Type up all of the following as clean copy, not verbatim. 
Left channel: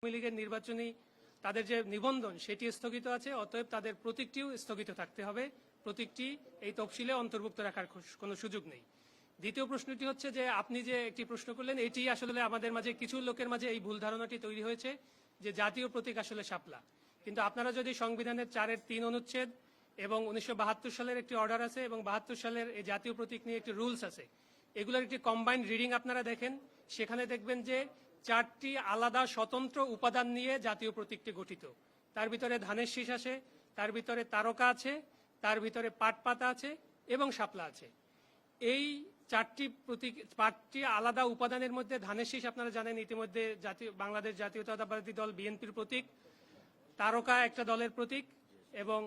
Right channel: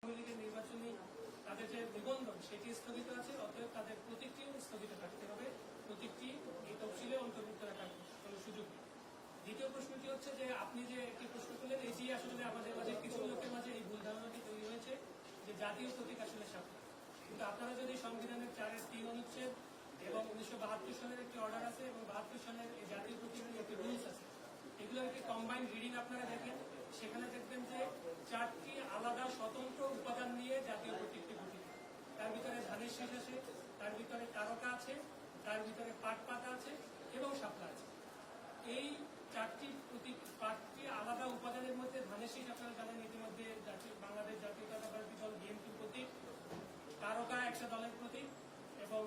আওয়ামী লীগের নির্বাচনী তাদের যে নিবন্ধন সেটি স্থগিত আছে, অতএব তাদের প্রতীকটিও স্থগিত থাকতে হবে। প্রতীকটি এই তফসিলে অন্তর্ভুক্ত রাখার কোনো সুযোগ নেই। দ্বিতীয় প্রশ্নটি হচ্ছে যে আপনি যে একটি প্রশ্ন করলেন, এটি আসলে আমাদের মাঝে কিছু লোকের মাঝে এই ভুল ধারণাটি তৈরি হয়েছে যে জাতীয় প্রতীক আসলে শাপলা। কিন্তু আপনারা যদি সংবিধানের 4-3 অনুচ্ছেদ এবং 1972 সালের একটি অর্ডার আছে এবং 72 সালের এই জাতীয় প্রতীক নিয়ে একটি রুলস আছে, এগুলোর একটি কম্বাইন্ড রিডিং আপনারা দেখেন, সেখানে দেখবেন যে 4টি আলাদা স্বতন্ত্র উপাদান নিয়ে জাতীয় প্রতীকটি গঠিত। তার ভিতরে ধানের শীষ আছে, তার ভিতরে তারকা আছে, তার ভিতরে পাট পাতা আছে এবং শাপলা আছে। এই 4টি আলাদা উপাদানের মধ্যে ধানের শীষ আপনারা জানেন ইতিমধ্যে বাংলাদেশ জাতীয়তাবাদী দল বিএনপির প্রতীক, তারকা একটা দলের প্রতীক এবং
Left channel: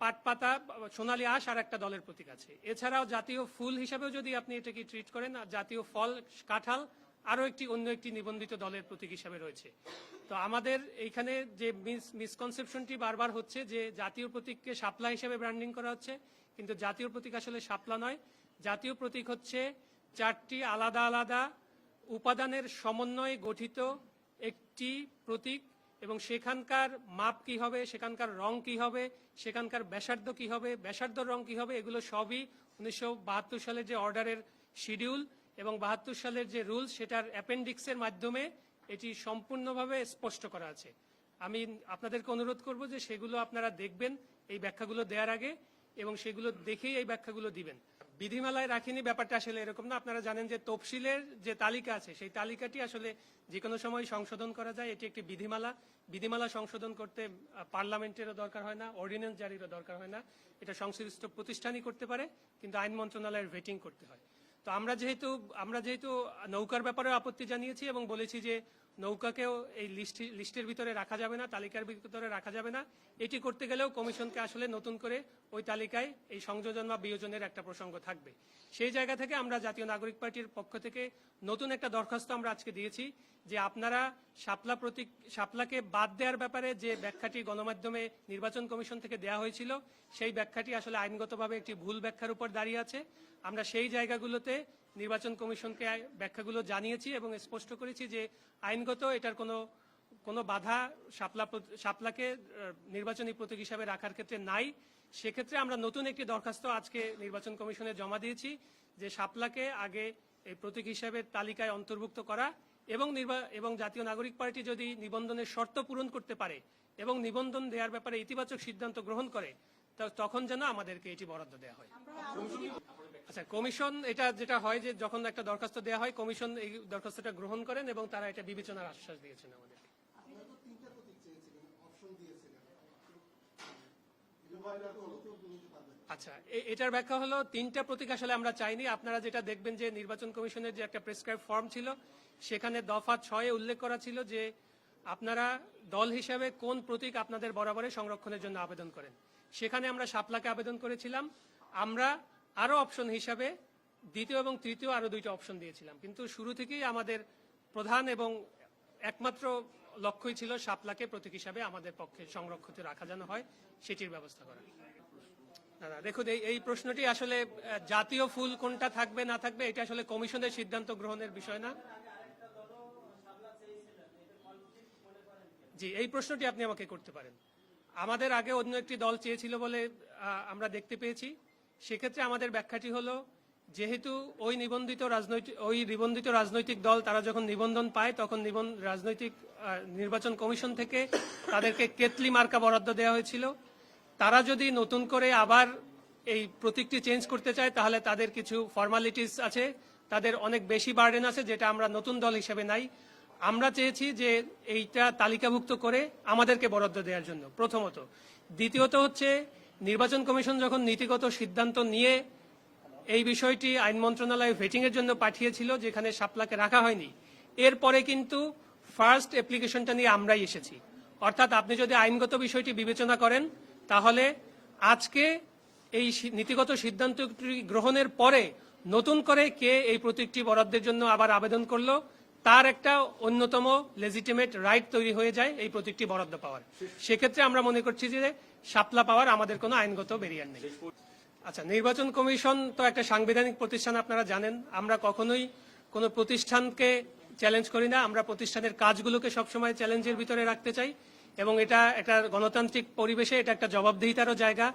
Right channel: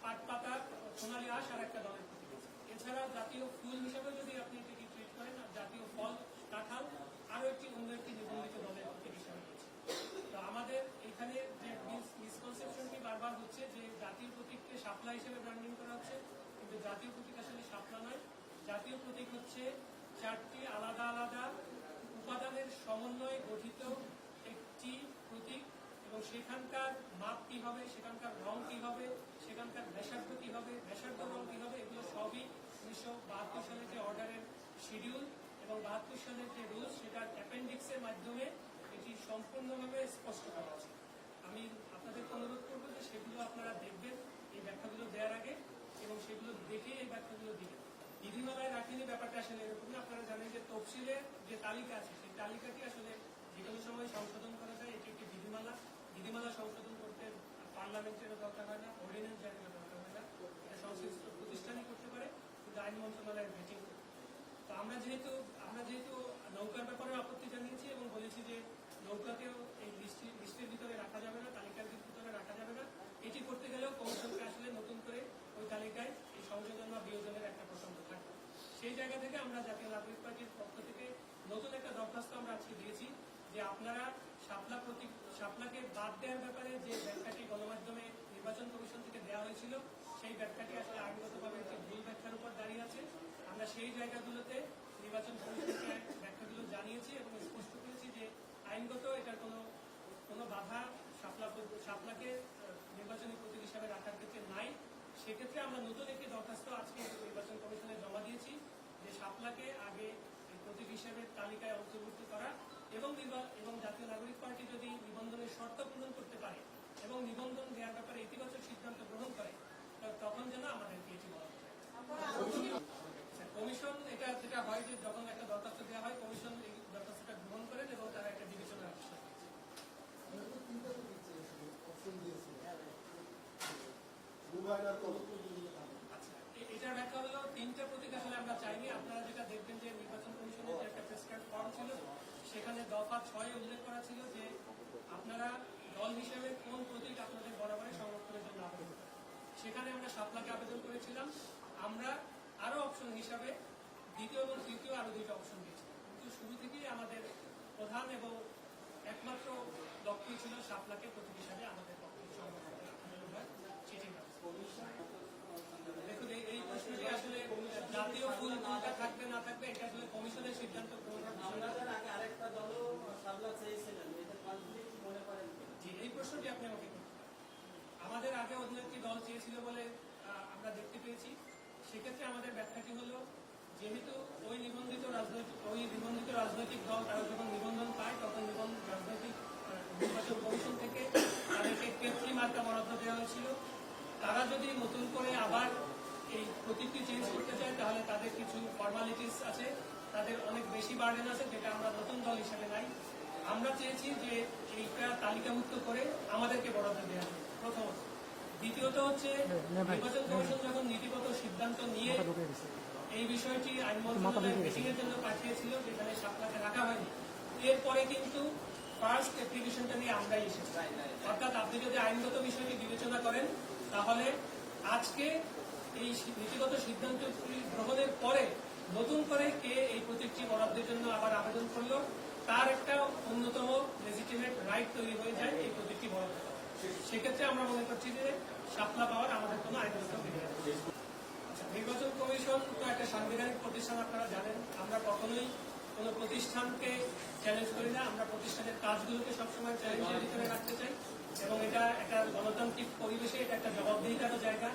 পাট পাতা সোনালী আঁশ আর একটা দলের প্রতীক আছে। এছাড়াও জাতীয় ফুল হিসাবেও যদি আপনি এটাকে ট্রিট করেন, আর জাতীয় ফল কাঁঠাল আরও অন্য একটি নিবন্ধিত দলের প্রতীক হিসাবে রয়েছে। তো আমাদের এইখানে যে মিসকনসেপশনটি বারবার হচ্ছে যে জাতীয় প্রতীককে শাপলা হিসেবে ব্র্যান্ডিং করা হচ্ছে, কিন্তু জাতীয় প্রতীক আসলে শাপলা নয়। জাতীয় প্রতীক হচ্ছে 4টি আলাদা আলাদা উপাদানের সমন্বয়ে গঠিত একটি প্রতীক, এবং সেখানকার মাপ কি হবে, সেখানকার রং কি হবে, সেখানকার ব্যাসার্ধ কি হবে, ব্যাসার্ধ রং কি হবে, এগুলো সবই 1972 সালের যে অর্ডারের শিডিউল এবং 72 সালের যে রুলস সেটার অ্যাপেন্ডিক্সের মাধ্যমে এটি সম্পূর্ণভাবে স্পষ্ট করা আছে। আমি আপনাদেরকে অনুরোধ করব যে সেগুলো আপনারা দেখবেন এই ব্যাখ্যাগুলো দেওয়ার আগে, এবং সেগুলো দেখেই এই ব্যাখ্যাগুলো দিবেন। বিধিমালায় রাখেনি ব্যাপারটা আসলে এরকম না। আপনারা জানেন যে তফসিলের যে তালিকা আছে সেই তালিকাটি আসলে যে কোনো সময় সংশোধন করা যায়। এটি একটি বিধিমালা সংশোধন করতে পার্লামেন্টেরও দরকার হয় না, অর্ডিন্যান্স জারিরও দরকার হয় না। এটা সংশ্লিষ্ট প্রতিষ্ঠানই করতে পারে, কিন্তু আইন মন্ত্রণালয়ের ভেটিং করতে হয়। তো আমরা যেহেতু নৌকার ব্যাপারে আপত্তি জানিয়েছি এবং বলেছি যে নৌকাকেও এই লিস্টের ভিতরে রাখা যাবে না, তালিকার ভিতরে রাখা যাবে না। এটি করতে গেলেও কমিশনকে আসলে নতুন করে ওই তালিকায় এই সংযোজন বা বিয়োজনের একটা প্রসঙ্গ থাকবে। সেই জায়গা থেকে আমরা জাতীয় নাগরিক পার্টির পক্ষ থেকে নতুন একটা দরখাস্ত আমরা আজকে দিয়েছি যে আপনারা শাপলাকে বাদ দেওয়ার ব্যাপারে যে ব্যাখ্যাটি গণমাধ্যমে নির্বাচন কমিশন থেকে দেওয়া হয়েছিল, সেই ব্যাখ্যাটি আসলে আইনগতভাবে একটি ভুল ব্যাখ্যার উপর দাঁড়িয়ে আছে। আমরা সেই জায়গাগুলোতে নির্বাচন কমিশনকে ব্যাখ্যাগুলো জানিয়েছি এবং স্পষ্ট করেছি যে আইনগত এটার কোনো বাধা শাপলাকে নির্বাচনী প্রতীক হিসাবে রাখার ক্ষেত্রে নাই। সেক্ষেত্রে আমরা নতুন একটি দরখাস্ত আজকে নির্বাচন কমিশনে জমা দিয়েছি যে শাপলাকে আগে এই প্রতীক হিসাবে তালিকায় অন্তর্ভুক্ত করা, এবং জাতীয় নাগরিক পার্টি যদি নিবন্ধনের শর্ত পূরণ করতে পারে এবং নিবন্ধন দেওয়ার ব্যাপারে ইতিবাচক সিদ্ধান্ত গ্রহণ করে, তখন যেন আমাদেরকে এটি বরাদ্দ দেওয়া হয়। আচ্ছা, কমিশন যেটা হয় যে যখন একটা দরখাস্ত দেওয়া হয়, কমিশন এই দরখাস্তটা গ্রহণ করেন এবং তারা এটা বিবেচনার আশ্বাস দিয়েছে। আচ্ছা, এটার ব্যাখ্যা হলো 3টা প্রতীক আসলে আমরা চাইনি। আপনারা যেটা দেখবেন যে নির্বাচন কমিশনের যে একটা প্রেসক্রাইব ফর্ম ছিল, সেখানে দফা 6 উল্লেখ করা ছিল যে আপনারা দল হিসাবে কোন প্রতীক আপনাদের বরাবরে সংরক্ষণের জন্য আবেদন করেন। সেখানে আমরা শাপলাকে আবেদন করেছিলাম। আমরা আরো অপশন হিসাবে দ্বিতীয় এবং তৃতীয় আরো 2টা অপশন দিয়েছিলাম, কিন্তু শুরু থেকেই আমাদের প্রধান এবং একমাত্র লক্ষ্যই ছিল শাপলাকে প্রতীক হিসাবে আমাদের পক্ষে সংরক্ষিত রাখা যেন হয়, সেটির ব্যবস্থা। দেখুন, এই প্রশ্নটি আসলে জাতীয় ফুল কোনটা থাকবে না থাকবে এটা আসলে কমিশনের সিদ্ধান্ত গ্রহণের বিষয় না। জি, এই প্রশ্নটি আপনি আমাকে করতে পারেন। আমাদের আগে অন্য একটি দল চেয়েছিল বলে আমরা দেখতে পেয়েছি। সেক্ষেত্রে আমাদের ব্যাখ্যাটি হলো, যেহেতু ওই নিবন্ধিত রাজনৈতিক দল তারা যখন নিবন্ধন পায়, তখন নির্বাচন কমিশন থেকে তাদেরকে কেতলি মার্কা বরাদ্দ দেওয়া হয়েছিল। তারা যদি নতুন করে আবার এই প্রতীকটি চেঞ্জ করতে চায়, তাহলে তাদের কিছু ফর্মালিটিস আছে, তাদের অনেক বেশি বার্ডেন আছে, যেটা আমরা নতুন দল হিসেবে নাই। আমরা চেয়েছি যে এইটা তালিকাভুক্ত করে আমাদেরকে বরাদ্দ দেওয়ার জন্য, প্রথমত। দ্বিতীয়ত হচ্ছে, নির্বাচন কমিশন যখন নীতিগত সিদ্ধান্ত নিয়ে এই বিষয়টি আইন মন্ত্রণালয়ে ভেটিং এর জন্য পাঠিয়েছিল, যেখানে শাপলাকে রাখা হয়নি, এরপরে কিন্তু ফার্স্ট অ্যাপ্লিকেশনটা নিয়ে আমরাই এসেছি। অর্থাৎ আপনি যদি আইনগত বিষয়টি বিবেচনা করেন, তাহলে আজকে এই নীতিগত সিদ্ধান্তটি গ্রহণের পরে নতুন করে কে এই প্রতীকটি বরাদ্দের জন্য আবার আবেদন করলো, তার একটা অন্যতম লেজিটিমেট রাইট তৈরি হয়ে যায় এই প্রতীকটি বরাদ্দ পাওয়ার। সেক্ষেত্রে আমরা মনে করছি যে শাপলা পাওয়ার আমাদের কোনো আইনগত ব্যারিয়ার নেই। আচ্ছা, নির্বাচন কমিশন তো একটা সাংবিধানিক প্রতিষ্ঠান, আপনারা জানেন। আমরা কখনোই কোনো প্রতিষ্ঠানকে চ্যালেঞ্জ করি না। আমরা প্রতিষ্ঠানের কাজগুলোকে সবসময় চ্যালেঞ্জের ভিতরে রাখতে চাই এবং এটা একটা গণতান্ত্রিক পরিবেশে এটা একটা জবাবদিহিতারও জায়গা,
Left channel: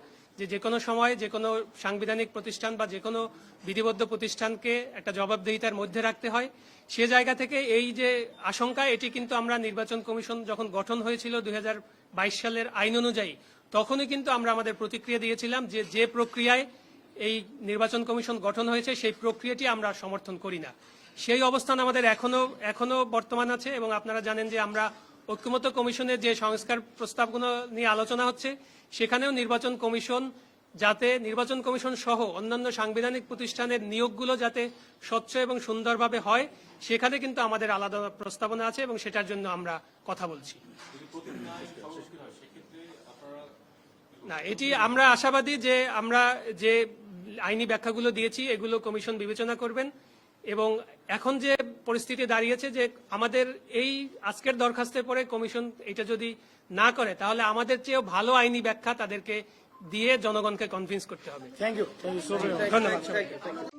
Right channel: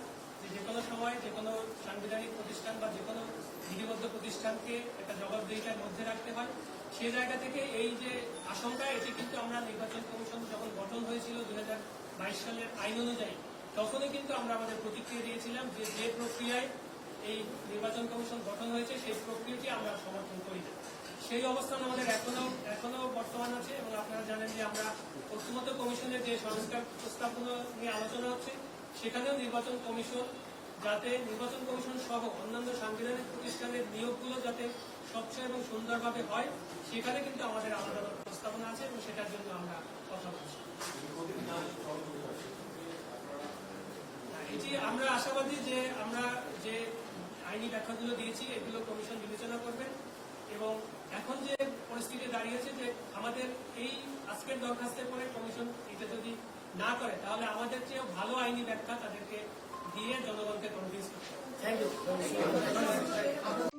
যে কোনো সময় যে কোনো সাংবিধানিক প্রতিষ্ঠান বা যে কোনো বিধিবদ্ধ প্রতিষ্ঠানকে একটা জবাবদিহিতার মধ্যে রাখতে হয়। সে জায়গা থেকে এই যে আশঙ্কা, এটি কিন্তু আমরা নির্বাচন কমিশন যখন গঠন হয়েছিল 2022 সালের আইন অনুযায়ী, তখনই কিন্তু আমরা আমাদের প্রতিক্রিয়া দিয়েছিলাম যে প্রক্রিয়ায় এই নির্বাচন কমিশন গঠন হয়েছে সেই প্রক্রিয়াটি আমরা সমর্থন করি না। সেই অবস্থান আমাদের এখনো বর্তমান আছে এবং আপনারা জানেন যে আমরা ঐক্যমত্য কমিশনের যে সংস্কার প্রস্তাবগুলো নিয়ে আলোচনা হচ্ছে, সেখানেও নির্বাচন কমিশন সহ অন্যান্য সাংবিধানিক প্রতিষ্ঠানের নিয়োগগুলো যাতে স্বচ্ছ এবং সুন্দরভাবে হয়, সেখানে কিন্তু আমাদের আলাদা প্রস্তাবনা আছে এবং সেটার জন্য আমরা কথা বলছি। না, এটি আমরা আশাবাদী যে আমরা যে আইনি ব্যাখ্যাগুলো দিয়েছি এগুলো কমিশন বিবেচনা করবেন এবং এখন যে পরিস্থিতি দাঁড়িয়েছে যে আমাদের এই আজকের দরখাস্তের পরে কমিশন এটা যদি না করে, তাহলে আমাদের চেয়েও ভালো আইনি ব্যাখ্যা তাদেরকে দিয়ে জনগণকে কনভিন্স করতে হবে। Thank you. ধন্যবাদ।